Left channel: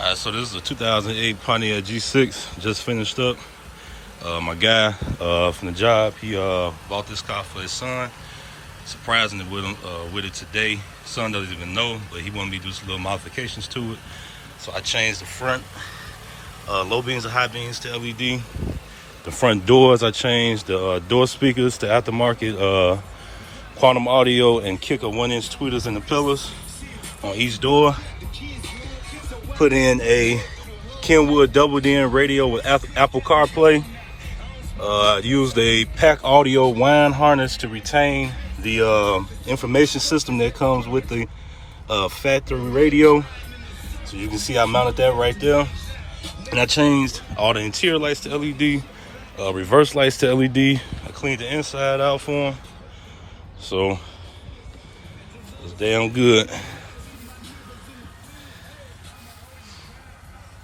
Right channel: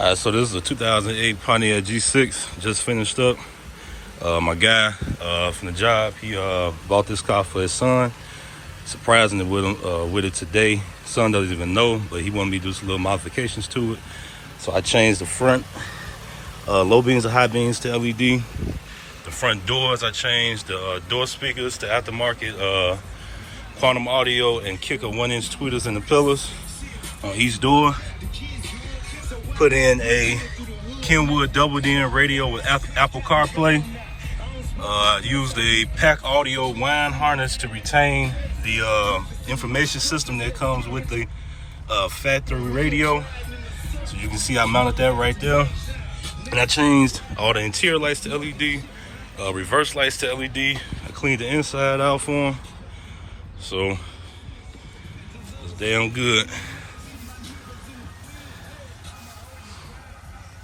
Alright, so this is a 2008 Pontiac G6, just finished up. My guy from the job, he bought this car for his son. Surprisingly with it today. Son doesn't even know, but he wanted me to do some little modifications to it. So I changed the front low beams and high beams to LED. The front doors, I changed the door speakers to aftermarket quantum audio and kicker 1-inch tweeters in the pillars on each door. Put in a Kenwood double-din radio with Apple CarPlay. Used a pack audio wine harness to retain the information system that comes with the factory radio. So you can see I mounted that right there. And I changed all the interior lights to LED, reverse lights to LED. I cleaned the inside out for them. So it's damn good.